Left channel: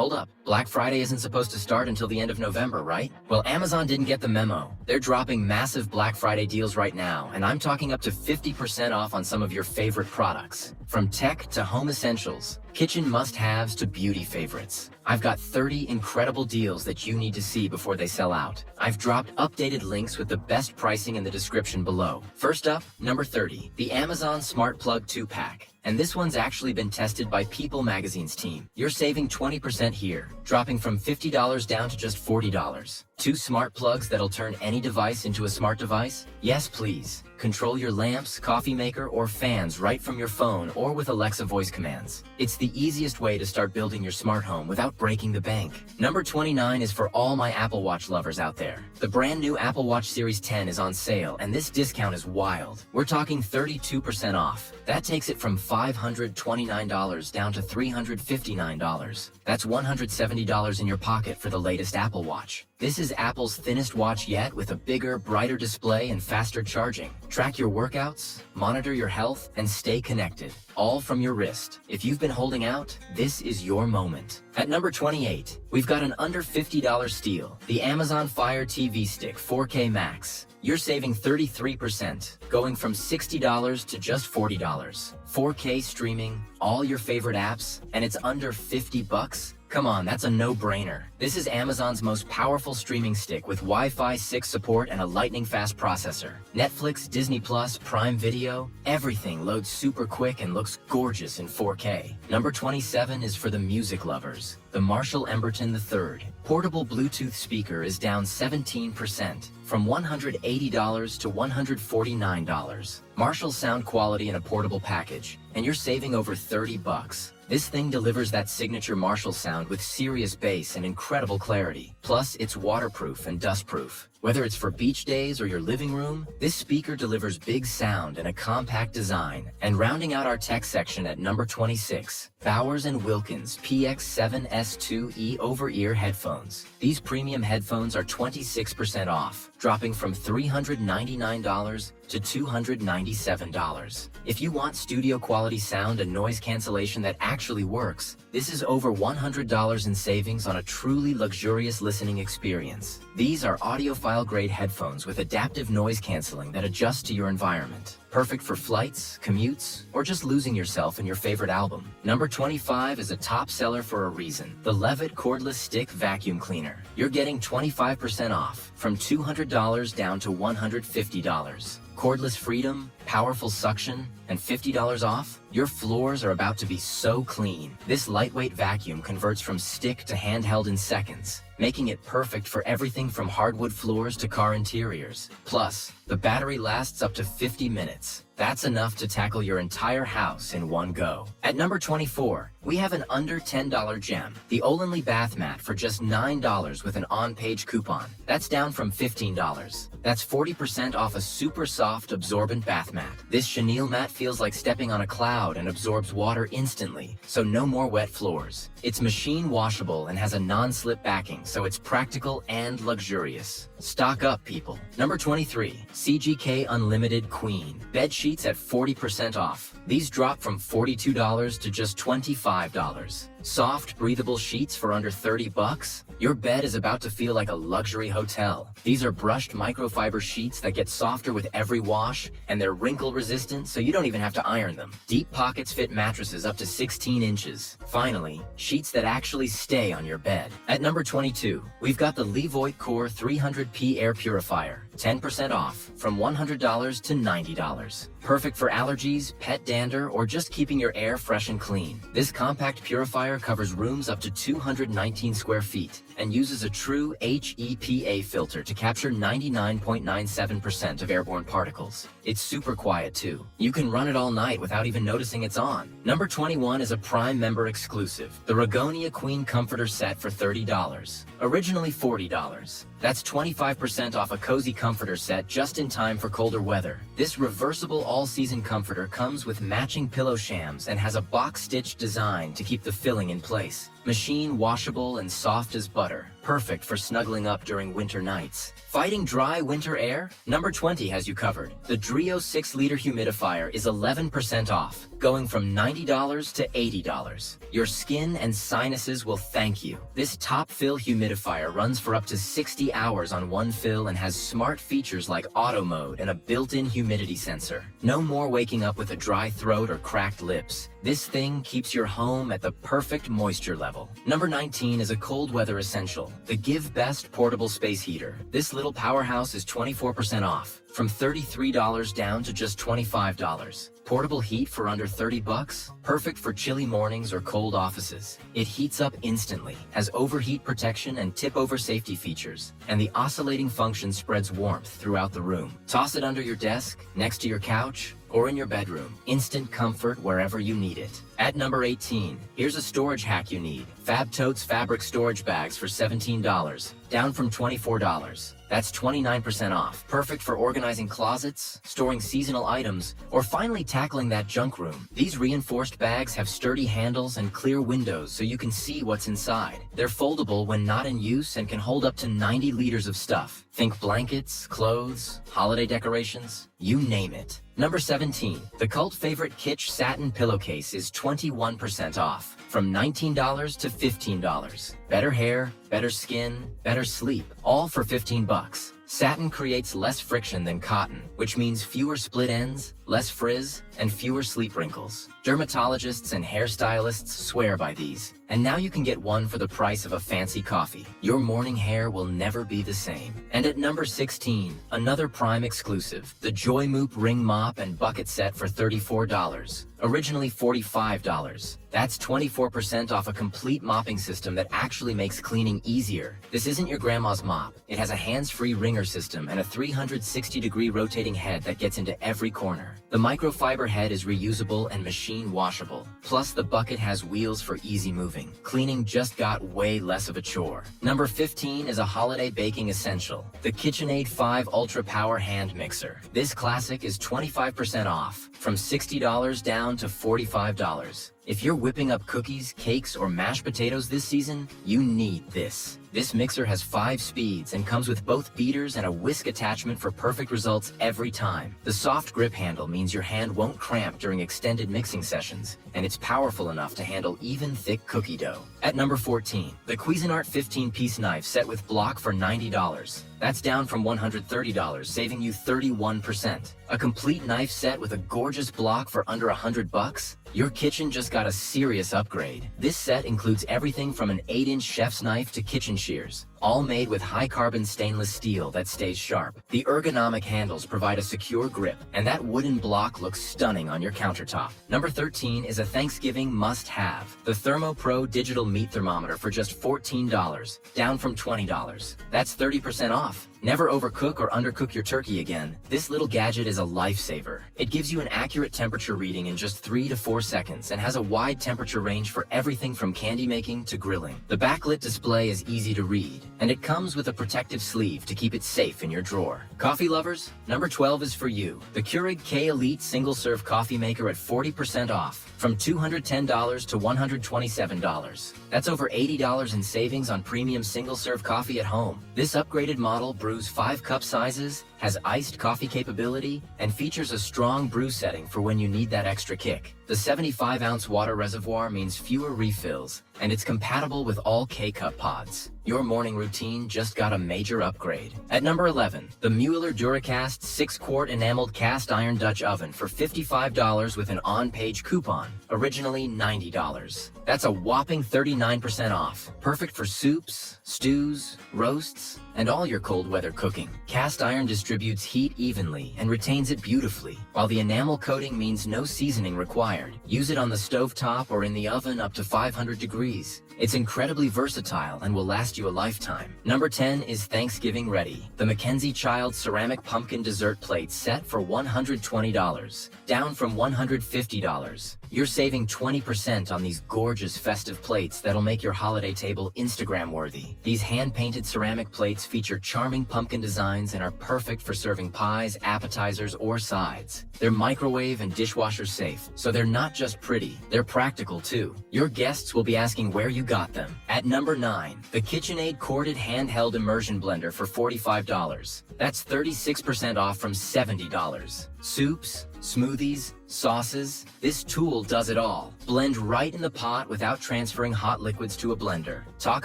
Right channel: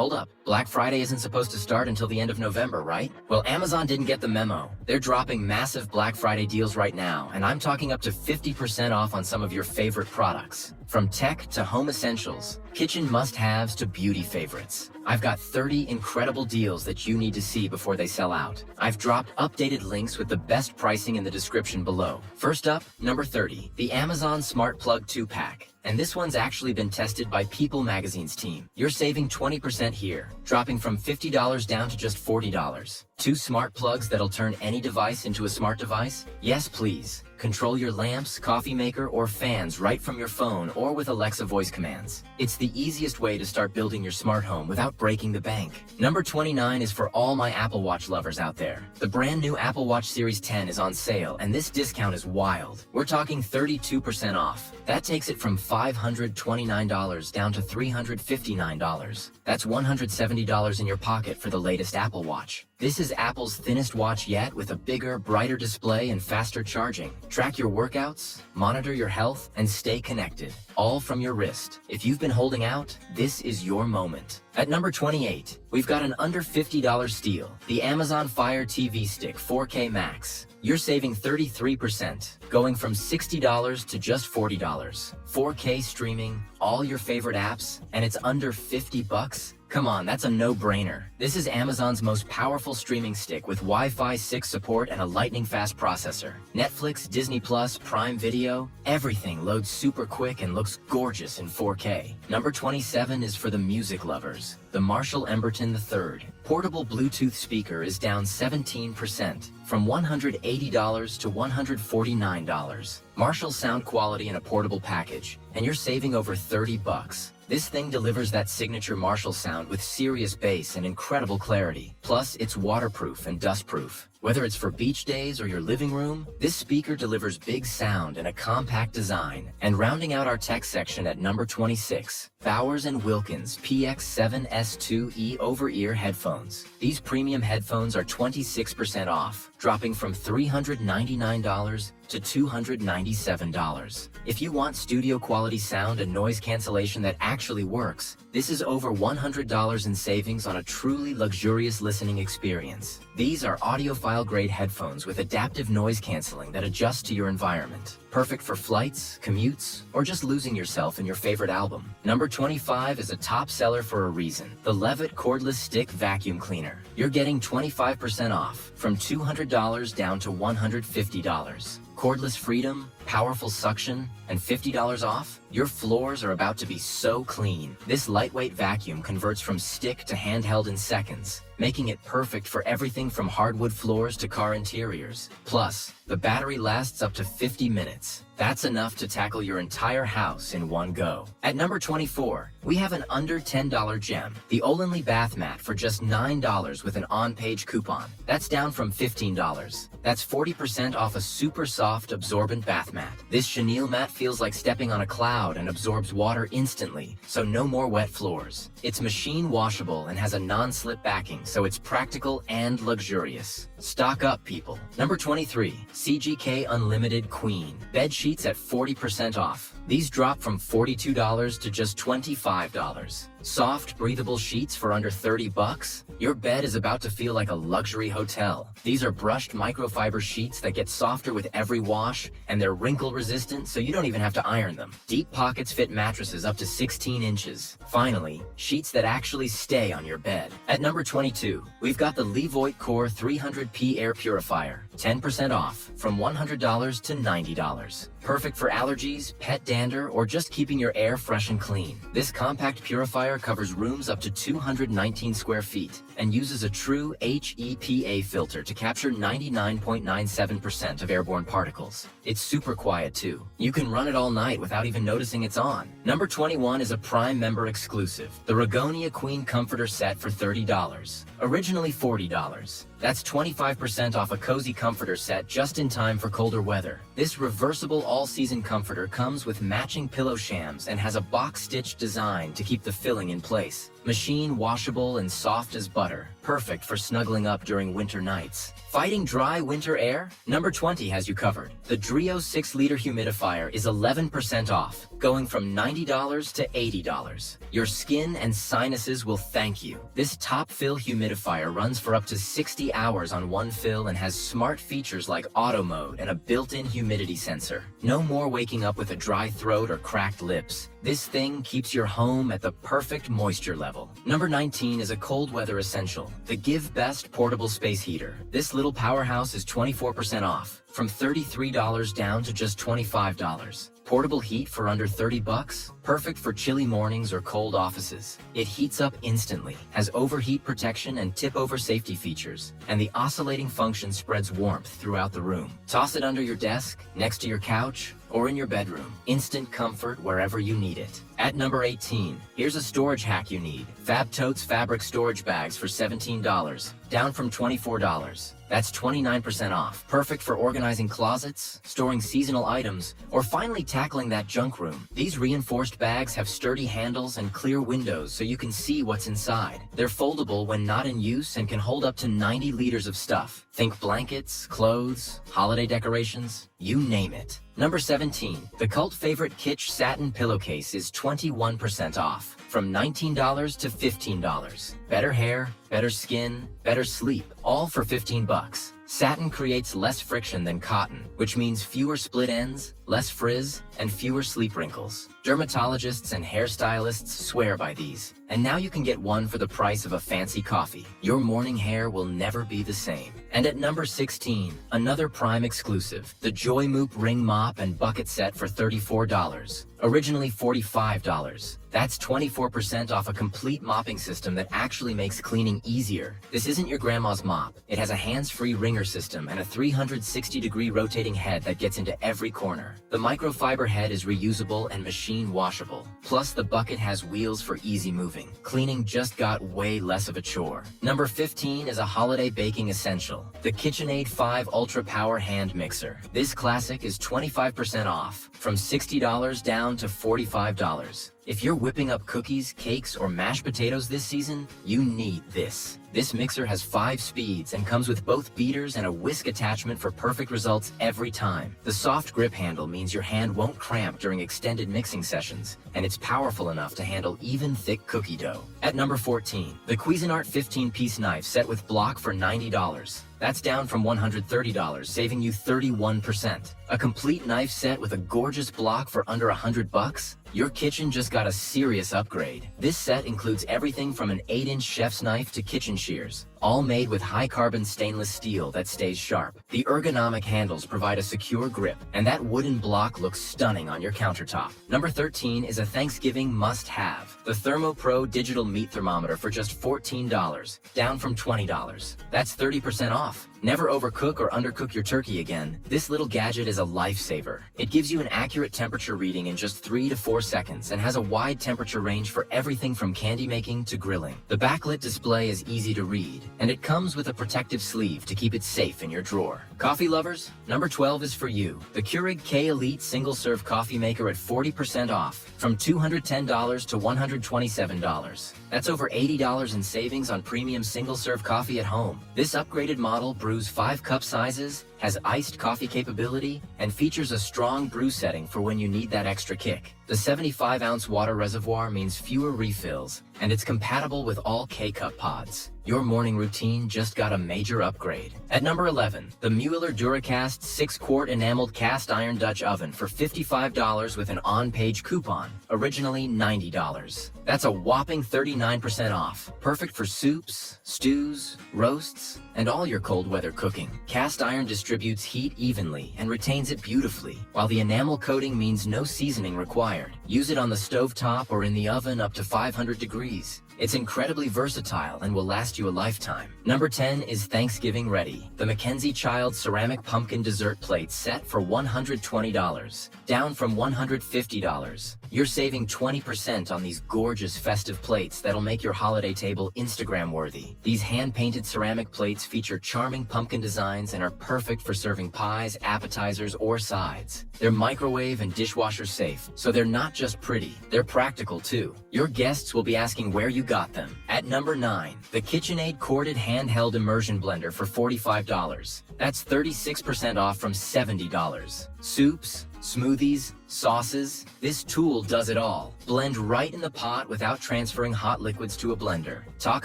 Hold up, Black Friday isn't supposed to start until the end of November, right? Well, Amazon didn't get the memo. They're dropping massive Black Friday deals right now, and I'm talking up to 50% off on some of your favorite products. From tech to home essentials, kitchen must-haves to beauty favorites. I've got 30 incredible deals that you need to see before they sell out. I've dropped updated links with the best pricing in the description below. First up, number 30, the Amazon Smart Plug 2-pack. And this one's actually been tested by People Magazine's team. You're saving 20% here, dropping from $50 down to just $40. 2 smart plugs that'll turn any device into a smart device? Yes, please. Control your lamps, coffee maker, or fans right from your phone or with Alexa voice commands. It's the easiest way to start building your smart home without breaking the bank. Number 29 is for all my Apple Watch lovers out there. The brand new Apple Watch Series 10 is on sale, and this discount is wild. We're talking 32% off. That takes it from $529 down to $359. That's $170 in your pocket for the latest Apple Watch. This is Apple's thinnest watch yet, with a bigger, brighter display and faster charging. Track your workouts, monitor your health, and stay connected, all from your wrist. If you've been holding out, this is your moment. At number 28, we've got an under $50 steal, the Amazon Fire TV Stick 4K Max. You're saving 33%, going from $60 to just $40. 4K streaming, all your favorite apps, and it's under 50 bucks? Come on, that's a no-brainer. This is Amazon's most powerful streaming stick with Wi-Fi 6 support and a lightning-fast processor. Netflix, Disney+, Prime Video, everything loads super quick and looks gorgeous in 4K. Number 27 is for the music lovers. The Marshall Emberton III portable Bluetooth speaker is down 17%, from $180 to $149. Marshall's sound quality in a portable package, and you're saving over 30 bucks. This thing delivers that signature Marshall sound with serious bass and incredible clarity. Plus, it's waterproof and dustproof. Whether it's for beach days or your living room, this speaker delivers big sound and a compact design. And rounding out our tech section at number 26, Bowers & Wilkins PX7S2E over-ear headphones. These premium headphones are 26% off, dropping from $399 to $297. If you want studio quality sound and noise cancellation that actually works, this is over $100 in savings on a truly luxurious listening experience. These are audiophile-grade headphones with adaptive noise canceling that adjusts to your environment. Perfect for flights, commutes, or just losing yourself in your favorite album. Number 25 is a top seller for a reason. The Levoit Cordless Stick Vacuum Cleaner. You're getting 25% off, from $200 down to $150. Cordless freedom, powerful suction, and $50 off? Your floors are about to be so clean. This lightweight vacuum converts from stick to handheld in seconds, making it perfect for everything from hardwood floors to car interiors. Plus, the battery lasts up to 50 minutes. That's enough to tackle your entire house in one go. At number 24, we have an under $10 gem, the Olanly bath mat for just $9 with an on-page coupon. That's down from $15. That's 40% off a super soft, absorbent bath mat. This chenille mat feels like stepping on a cloud and absorbs water instantly, so no more wet floors. It's machine washable and has a non-slip backing, so it's practical and luxurious. Stock up, people. Number 23, CGK Unlimited Queen. Bed sheets at 40% off. These drop from $42 to just $25. Soft, breathable sheets for under 30 bucks? Your bed is about to feel like a luxury hotel. These are brushed microfiber sheets that get softer with every wash, and they're wrinkle resistant, so you don't even have to iron them. Deep pockets fit mattresses up to 16 inches. Finally, sheets that actually stay on your bed. At number 22, we've got the Levoit Core 300P Air Purifier. 10% off, from $100 to $90. Perfect for allergies, pet dander, or just keeping your air fresh and clean. This compact purifier covers rooms up to 219 square feet and uses a true HEPA filter to capture 99.97% of airborne particles. It's super quiet too. You can run it all night without even noticing it's on. Number 21 is a Prime member exclusive, the Rogonia Queen Comforter Set for $30. Originally $40. That's 25% off a cozy comforter set just in time for colder weather. This reversible all-season comforter comes with matching pillow shams and has a box-stitched design to keep the filling in place. Machine washable and soft as butter. Perfect for snuggling up during winter nights. Fighting dry winter air? Number 20 has you covered. The Dreo 6-liter humidifier is 11% off. going from $90 to $80. Your skin and sinuses will thank you. This top fill humidifier runs for up to 60 hours on one fill and has smart features like auto mode and a built-in humidity sensor. No more waking up with a dry throat or cracked lips. This thing keeps your home at the perfect moisture level. Number 19 is a cold weather essential, the GiveBest portable space heater. This little powerhouse is 24% off, from $33 down to just $25. Portable heat for under 30 bucks? Perfect for chilly mornings or cold offices. It heats up instantly, has overheat protection and tip-over safety features, and the oscillating function spreads warmth throughout the room. Toss it under your desk, next to your couch, or in your bedroom. Instant comfort wherever you need it. At number 18, here's a storage hack you need. Totes fabric storage bags for $17, down from $24. That's 29% off. Perfect for organizing closets, storing seasonal items, or finally tackling that junk room. These reinforced bags have sturdy handles and clear windows so you can see what's inside. They're foldable when not in use and can hold up to 90 liters of stuff. Think blankets, clothes, holiday decorations, you name it. Number 17, the cult favorite Kitsch Satin Pillowcase is 21% off, from $19 to $15. Better hair, better skin, better sleep, all for 15 bucks. Satin creates less friction than cotton, which means fewer split ends, less frizz, and fewer sleep wrinkles. Dermatologists and hairstylists swear by these, and now you can get one for the price of a fancy coffee. Your morning hair will never be the same. And at number 16, another Prime exclusive, the Joymoop ring mop and bucket set for $34, originally $45. That's 24% off a complete mopping system that actually makes cleaning easier. This isn't your grandma's mop. It has a hands-free wringer system and a 360-degree rotating head that gets into every corner. The microfiber head is reusable and machine washable. Plus, the bucket has wheels for easy moving. Cleaning just got way less of a chore. Number 15 is a holiday baking essential, the KitchenAid 5 Ultra Power Hand Mixer. This classic is 25% off, from $60 down to $45. If you're whipping up cookies, cakes, or mashed potatoes this season, you need this. This mixer has 5 speeds and comes with both beaters and a whisk attachment for perfect results every time. The soft grip handle means your hand won't cramp during extended mixing sessions, and it's powerful enough to handle even thick cookie dough. At number 14, the Cuisinart 15-piece knife set with block for $90. That's down from $130, saving you 31%. A complete knife set with a gorgeous block for under $100? Your kitchen just got a serious upgrade. This set includes everything from an 8-inch chef's knife to kitchen shears, all made with high-carbon stainless steel that stays sharp. The ergonomic handles provide a secure grip, and that wooden block looks stunning on your countertop. Number 13 is a Thanksgiving must-have, the ThermoPro digital meat thermometer for just $14, down from $20. That's 30% off. Never overcook or undercook your turkey again. This little gadget is a lifesaver. It gives you an accurate temperature reading in just 3 to 4 seconds and has a wide temperature range for everything from candy making to grilling. The backlit display is easy to read, and it comes with a protective sleeve to keep it safe in your drawer. Coffee lovers, number 12 is for you. The Keurig K Elite single-serve coffee maker at 40% off, from $210 to $127. That's over $80 in savings on premium single-serve coffee at home. This upgraded model brews 5 cup sizes, has iced coffee capability, and features a strong brew setting for when you need that extra kick. The 75-ounce water reservoir means fewer refills, and it's compatible with all K-Cup pods. Your morning routine just got a major upgrade. At number 11, the Mueller DuraCast 6-quart enameled cast iron Dutch oven for $55 with an on-page coupon, originally $90. That's a whopping 39% off. Perfect for soups, stews, roasts, and all your cold weather cooking. Cast iron distributes heat evenly and retains it beautifully, while the enamel coating means no seasoning required. Use it on the stovetop or in the oven up to 500 degrees. It's incredibly versatile and will last you a lifetime. Number 10 is Thanksgiving ready. The MacKenzie-Childs ceramic pumpkin dessert plate set for $120, down from $150. You're saving 20% on these gorgeous festive plates that'll make your holiday table Instagram-worthy. These hand-painted ceramic plates feature charming pumpkin designs and are perfect for serving pies, appetizers, or sides. They're microwave and dishwasher safe, so they're not just pretty, they're practical too. Your guests will be asking where you got them. At number 9, the KitchenAid corded handheld immersion blender for $45. That's 36% off from $70. Soups, smoothies, sauces, this tool does it all. Blend right in the pot without transferring hot liquids to a blender. Talk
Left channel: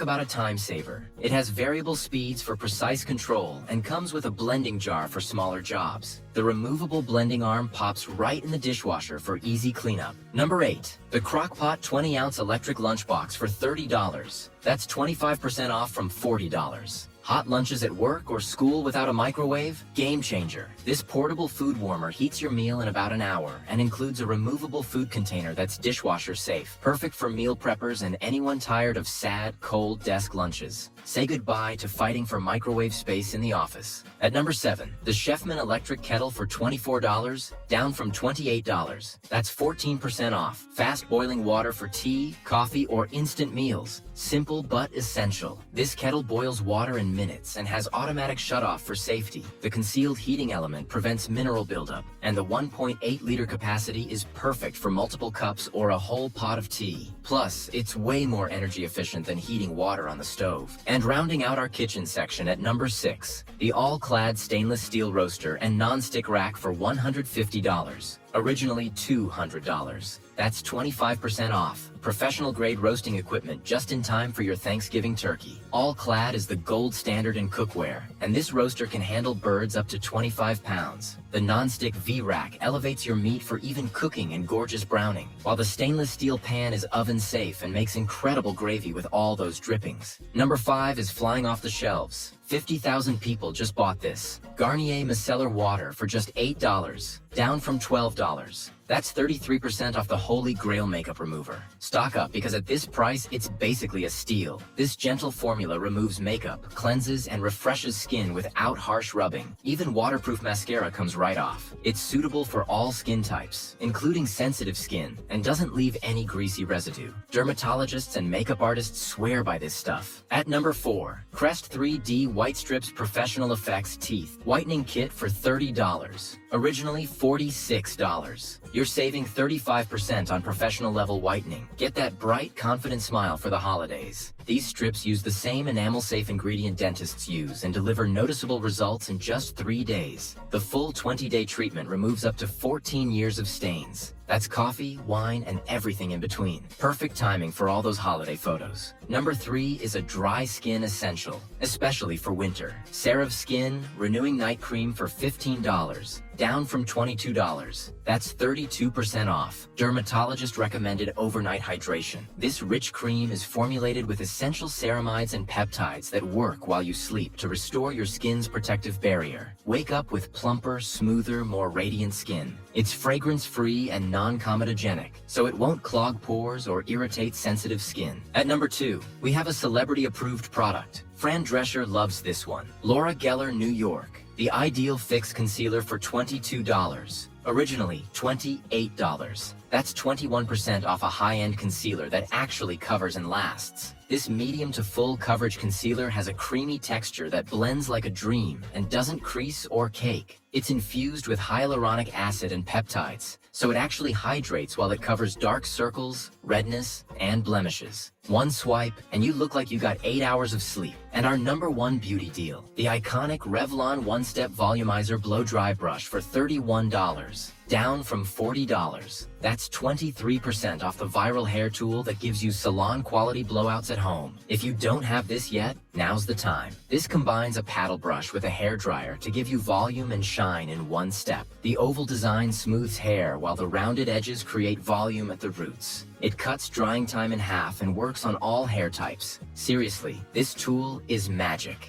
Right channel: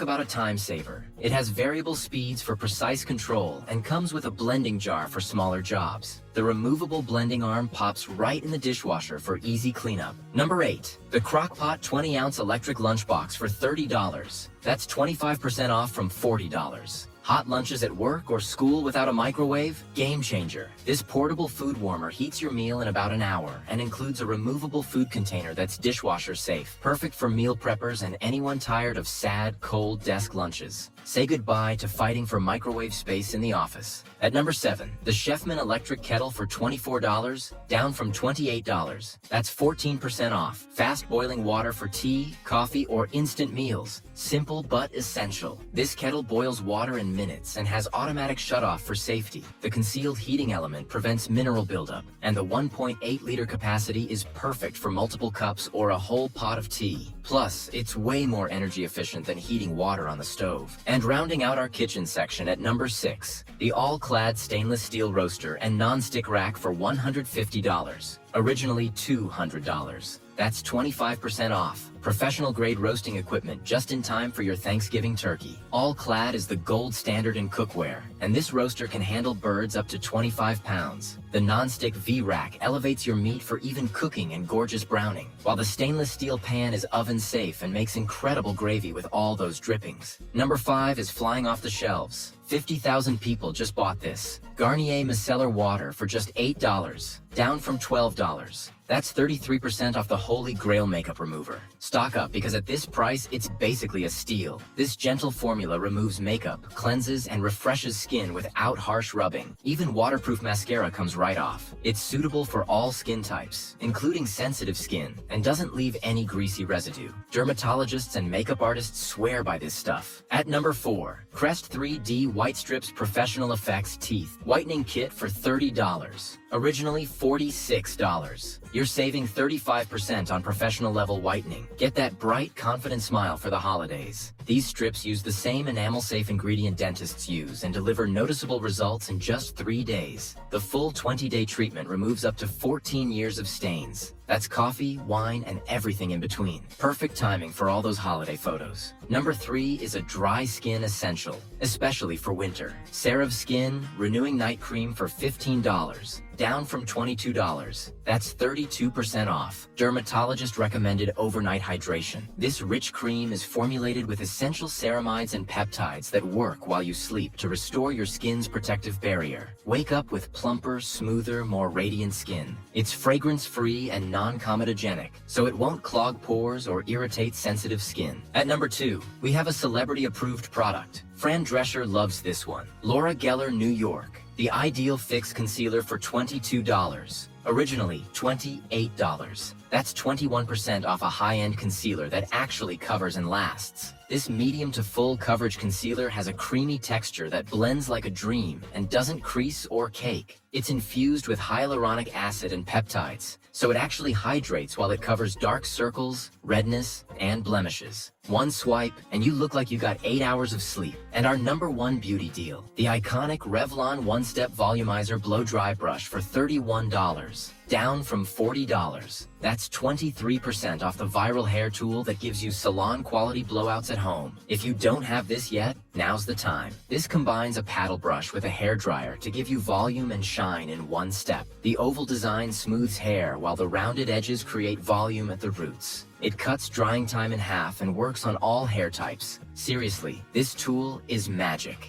about a time saver. It has variable speeds for precise control and comes with a blending jar for smaller jobs. The removable blending arm pops right in the dishwasher for easy cleanup. Number 8, the Crock-Pot 20-ounce electric lunchbox for $30. That's 25% off from $40. Hot lunches at work or school without a microwave? Game changer. This portable food warmer heats your meal in about an hour and includes a removable food container that's dishwasher safe. Perfect for meal preppers and anyone tired of sad, cold desk lunches. Say goodbye to fighting for microwave space in the office. At number 7, the Chefman electric kettle for $24, down from $28. That's 14% off. Fast boiling water for tea, coffee, or instant meals. Simple but essential. This kettle boils water in minutes and has automatic shutoff for safety. The concealed heating element prevents mineral buildup, and the 1.8-liter capacity is perfect for multiple cups or a whole pot of tea. Plus, it's way more energy efficient than heating water on the stove. And rounding out our kitchen section at number 6, the All-Clad stainless steel roaster and non-stick rack for $150. Originally $200. That's 25% off. Professional grade roasting equipment just in time for your Thanksgiving turkey. All-Clad is the gold standard in cookware, and this roaster can handle birds up to 25 pounds. The non-stick V-rack elevates your meat for even cooking and gorgeous browning, while the stainless steel pan is oven safe and makes incredible gravy with all those drippings. Number 5 is flying off the shelves. 50,000 people just bought this. Garnier Micellar water for just $8, down from $12. That's 33% off the Holy Grail makeup remover. Stock up because at this price, it's basically a steal. This gentle formula removes makeup, cleanses, and refreshes skin without harsh rubbing. Even waterproof mascara comes right off. It's suitable for all skin types, including sensitive skin, and doesn't leave any greasy residue. Dermatologists and makeup artists swear by this stuff. At number 4, Crest 3D White Strips Professional Effects Teeth Whitening Kit for $30. Originally $46. You're saving 35% on professional level whitening. Get that bright, confident smile for the holidays. These strips use the same enamel-safe ingredient dentists use and deliver noticeable results in just 3 days. The full 20-day treatment removes up to 14 years of stains. That's coffee, wine, and everything in between. Perfect timing for all those holiday photos. Number 3 is a dry skin essential, especially for winter. CeraVe Skin Renewing Night Cream for $15, down from $22. That's 32% off. Dermatologist recommended overnight hydration. This rich cream is formulated with essential ceramides and peptides that work while you sleep to restore your skin's protective barrier. Wake up with plumper, smoother, more radiant skin. It's fragrance-free and non-comedogenic, so it won't clog pores or irritate sensitive skin. At number 2, we have a celebrity-approved product. Fran Drescher loves this one. Laura Geller, New York. The Ideal Fix Concealer for $22. Originally $28. That's 21% off a high-end concealer that actually covers and lasts. This medium to full coverage concealer has a creamy texture that blends like a dream and doesn't crease or cake. It's infused with hyaluronic acid and peptides, so it actually hydrates while it covers dark circles, redness, and blemishes. One swipe, and you look like you got 8 hours of sleep. And our number 1 beauty deal, the iconic Revlon One-Step Volumizer Blow Dry Brush for $31, down from $40. That's 23% off the viral hair tool that gives you salon-quality blowouts at home. If you don't have this yet, now's the time. This combines a paddle brush with a hair dryer to give you volume and shine in one step. The oval design smooths hair while the rounded edges create volume at the roots. It cuts drying time in half and works on all hair types. Seriously, this tool is magic.